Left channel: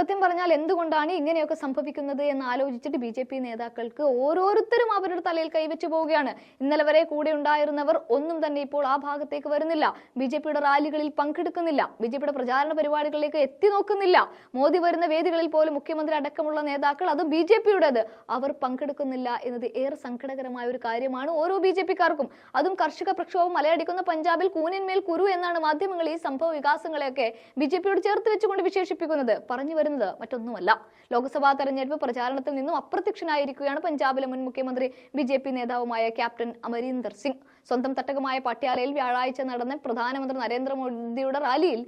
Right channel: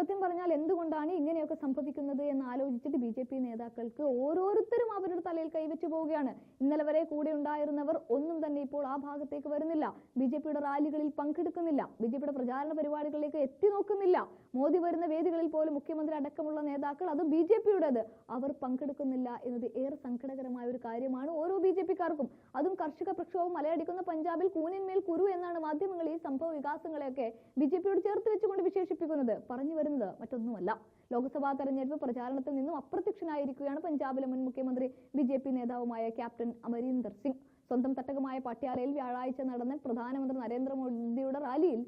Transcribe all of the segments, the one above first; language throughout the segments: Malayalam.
സത്യം പറഞ്ഞാൽ എന്തുകൊണ്ടാണ് ഇങ്ങനെയൊക്കെ സംഭവിക്കുന്നത് എന്ന് ആലോചിച്ചിട്ട് ബി ജെ പി നേതാക്കൾക്ക് ഓരോരുത്തരും അവരുടെ തലയിൽ കൈവച്ചു പോവുകയാണ്. ഇന്നലെ വരെ കൂടെ ഉണ്ടായിരുന്നവർ ഒന്നും തന്നെ ഇപ്പോൾ ആ ഭാഗത്തേക്ക് വരുന്നില്ല. ബി ജെ പിയുടെ റാലികളിൽ പങ്കെടുക്കുന്നില്ല. ബി ജെ പിയുടെ പ്രചാരണ പരിപാടികളിലേക്ക് എത്തി നോക്കുന്നില്ല. മോദി വരുന്ന വേദികളിൽ പോലും മുഖ്യമന്ത്രി അടക്കമുള്ള നേതാക്കൾ അത് ബി ജെ പിയുടേത്. അവർ പങ്കെടുക്കുന്നില്ല എന്നത് ഏറെ സങ്കടകരമായ ഒരു കാര്യമാണ് ഓരോ ബി ജെ പിക്കാർക്കും. അതും കർഷക പ്രക്ഷോഭം മലയടിക്കുന്ന പഞ്ചാബിൽ കൂനിന്മേൽ കുരു എന്നാണ് മാധ്യമങ്ങൾ ഈ സംഭവ വികാസങ്ങളെയൊക്കെ ബി ജെ പിയോട് ചേർത്ത് വെച്ചുകൊണ്ട് വിശേഷിപ്പിക്കുന്നത്. പറഞ്ഞു വരുന്നത് മറ്റൊന്നുമല്ല. ലോക്സഭാ തെരഞ്ഞെടുപ്പ് പ്രചാരണത്തിൽ നിന്നും അപ്രത്യക്ഷനായിരിക്കുകയാണ് പഞ്ചാബിലെ മുൻ മുഖ്യമന്ത്രി ബി ജെ പി നേതാവുമായ ക്യാപ്റ്റൻ അമരീന്ദർ സിംഗ്. സ്വന്തം തട്ടകമായ പട്യാലയിൽ വ്യാഴാഴ്ച നടന്ന പ്രധാനമന്ത്രി നരേന്ദ്രമോദിയുടെ റാലിയിൽ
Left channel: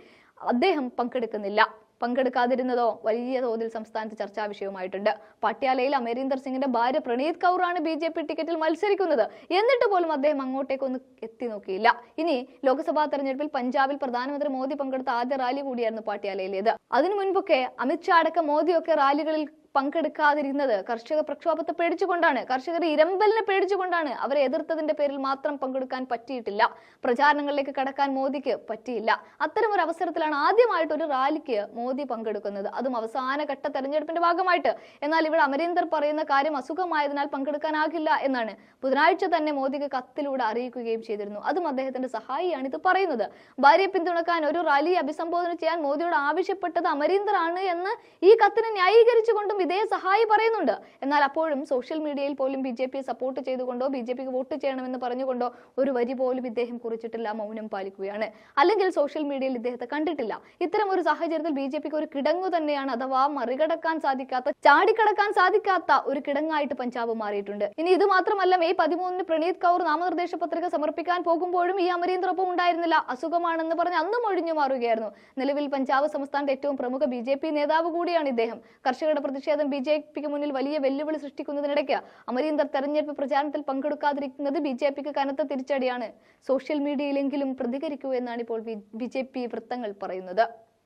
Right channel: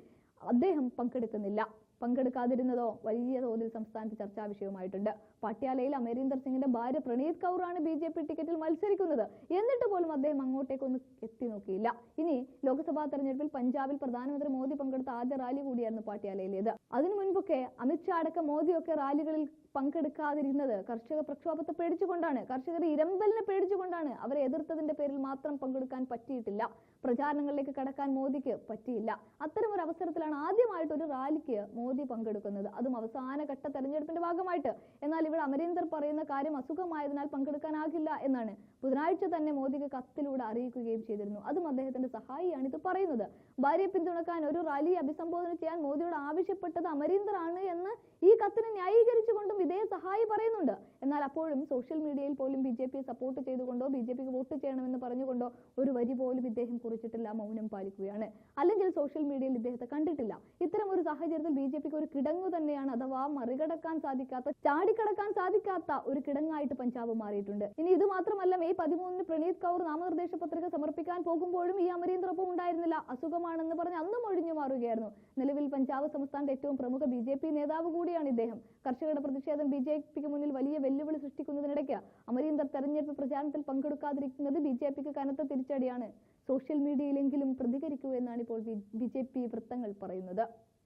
അദ്ദേഹം പങ്കെടുക്കുന്നില്ല. പങ്കെടുക്കാതിരുന്നതോ വലിയ തോതിൽ സംസ്ഥാനത്ത് ചർച്ചാ വിഷയവുമായിട്ടുണ്ട്. പട്യാലയിൽ അമരീന്ദർ സിംഗിന്റെ ഭാര്യ പ്രണീത് കൗറാണ് ബി ജെ പി ടിക്കറ്റിൽ മത്സരിക്കുന്നത്. എന്നിട്ട് പോലും അദ്ദേഹം അങ്ങോട്ടേക്കൊന്നും എത്തി നോക്കിയില്ല. ഇനി ലോക്സഭാ തെരഞ്ഞെടുപ്പിൽ പഞ്ചാബിൽ പ്രധാനമന്ത്രി മോദി പങ്കെടുത്ത ആദ്യ റാലി കൂടിയായിരുന്നു പട്യാലയിലേത്. അതിനു മുൻപൊക്കെ അമിത്ഷാ അടക്കം മോദിയൊക്കെ റാലികളിൽ പങ്കെടുക്കാതിരുന്നത്. കർഷക പ്രക്ഷോഭത്തെ പേടിച്ചുകൊണ്ടാണ്. കർഷകർ ഇരമ്പലിനെ പേടിച്ചുകൊണ്ടാണ് അവരെ എതിർത്തതിന്റെ പേരിൽ മാത്രം പങ്കെടുക്കാൻ പറ്റിയിട്ടില്ല. പ്രചാരണങ്ങളിലേക്ക് കടക്കാൻ മോദിക്ക് പറ്റിയില്ല. അത്തരം ഒരു അവസരത്തിലാണ് ആദ്യമായിട്ട് ഒരു റാലിക്ക് മോദി പങ്കെടുക്കുന്നത്. അതും അവസാന ഘട്ട തെരഞ്ഞെടുപ്പിന്റെ ഭാഗമായിട്ട്. എന്നാൽ ഇവിടെ അമരീന്ദർ പറയുന്ന കാര്യം അസുഖമായതിനാൽ പങ്കെടുക്കാനാകില്ല എന്നാണ് ബുധനാഴ്ച തന്നെ മോദിക്ക് കത്തിലൂടെ അറിയിക്കുകയും ചെയ്തിരുന്നു. അതും അദ്ദേഹത്തിന്റെ സഹായിയാണ് ഇത് പറയുന്നത്. ഭാര്യയെ പിന്തുണക്കാൻ ഒരു റാലി അഭിസംബോധന ചെയ്യാൻ മോദിയോട് ആവശ്യപ്പെട്ടത് അമരീന്ദർ ആണ് എന്ന് ഈ കത്തിനെ ന്യായീകരിച്ചുകൊണ്ടും ഇതേ സഹായി പറയുന്നുണ്ട്. എന്നാൽ അപ്പോഴും സോഷ്യൽ മീഡിയയിൽ പോലും ബി ജെ പിയെ സപ്പോർട്ട് ചെയ്തുകൊണ്ടോ ബി ജെ പിക്ക് വോട്ട് ചെയ്യണമെന്ന് പറഞ്ഞുകൊണ്ടോ ഒരു വരി പോലും ഇദ്ദേഹം കുറിച്ചിട്ടില്ല മൗനം പാലിക്കുകയാണ്. അല്ലെങ്കിൽ സോഷ്യൽ മീഡിയയിൽ ഇദ്ദേഹത്തെ കണ്ടിട്ടില്ല. ഇത്തരം ഒരു സാഹചര്യത്തിൽ ബി ജെ പിക്ക് ഒരു കിടങ്ങു തന്നെയാണ് അഥവാ മറികടക്കാൻ സാധിക്കാത്ത ചാടിക്കടക്കാൻ സാധിക്കാത്ത ഒരു കിടങ്ങായിട്ട് പഞ്ചാബ് മാറിയിട്ടുണ്ട്. ഇനി ഇത് മാത്രമല്ല മെയ് പതിമൂന്നിന് പ്രണീത് കൗർ നാമനിർദ്ദേശ പത്രിക സമർപ്പിക്കാൻ പോകുമ്പോഴും ഈ അമരീന്ദ്രൊപ്പം ഉണ്ടായിരുന്നില്ല. അസുഖമാണെന്ന് പറഞ്ഞ് അന്നും ഒഴിഞ്ഞു മാറുകയായിരുന്നു. നിലവിൽ പഞ്ചാബ് സംസ്ഥാനത്തെ ഏറ്റവും പ്രമുഖ ബി പി നേതാവ് കൂടിയാണ് ഇദ്ദേഹം. കർഷകരുടെ പ്രതിഷേധം ബി ജെ പിക്ക് മുന്നിൽ വലിയ വെല്ലുവിളി സൃഷ്ടിക്കുന്നതിനിടയ്ക്ക് അമരീന്ദർ തെരഞ്ഞെടുപ്പ് പ്രചാരണത്തിൽ പങ്കെടുക്കാതിരിക്കുന്നത് ബി ജെ പിക്ക് കനത്ത തിരിച്ചടിയാണ്. സോഷ്യൽ മീഡിയയിലെങ്കിലും പ്രതികരിക്കൂ എന്നാണ് ഇപ്പോൾ ബി ജെ പി വൃത്തങ്ങൾ പറയുന്നത്.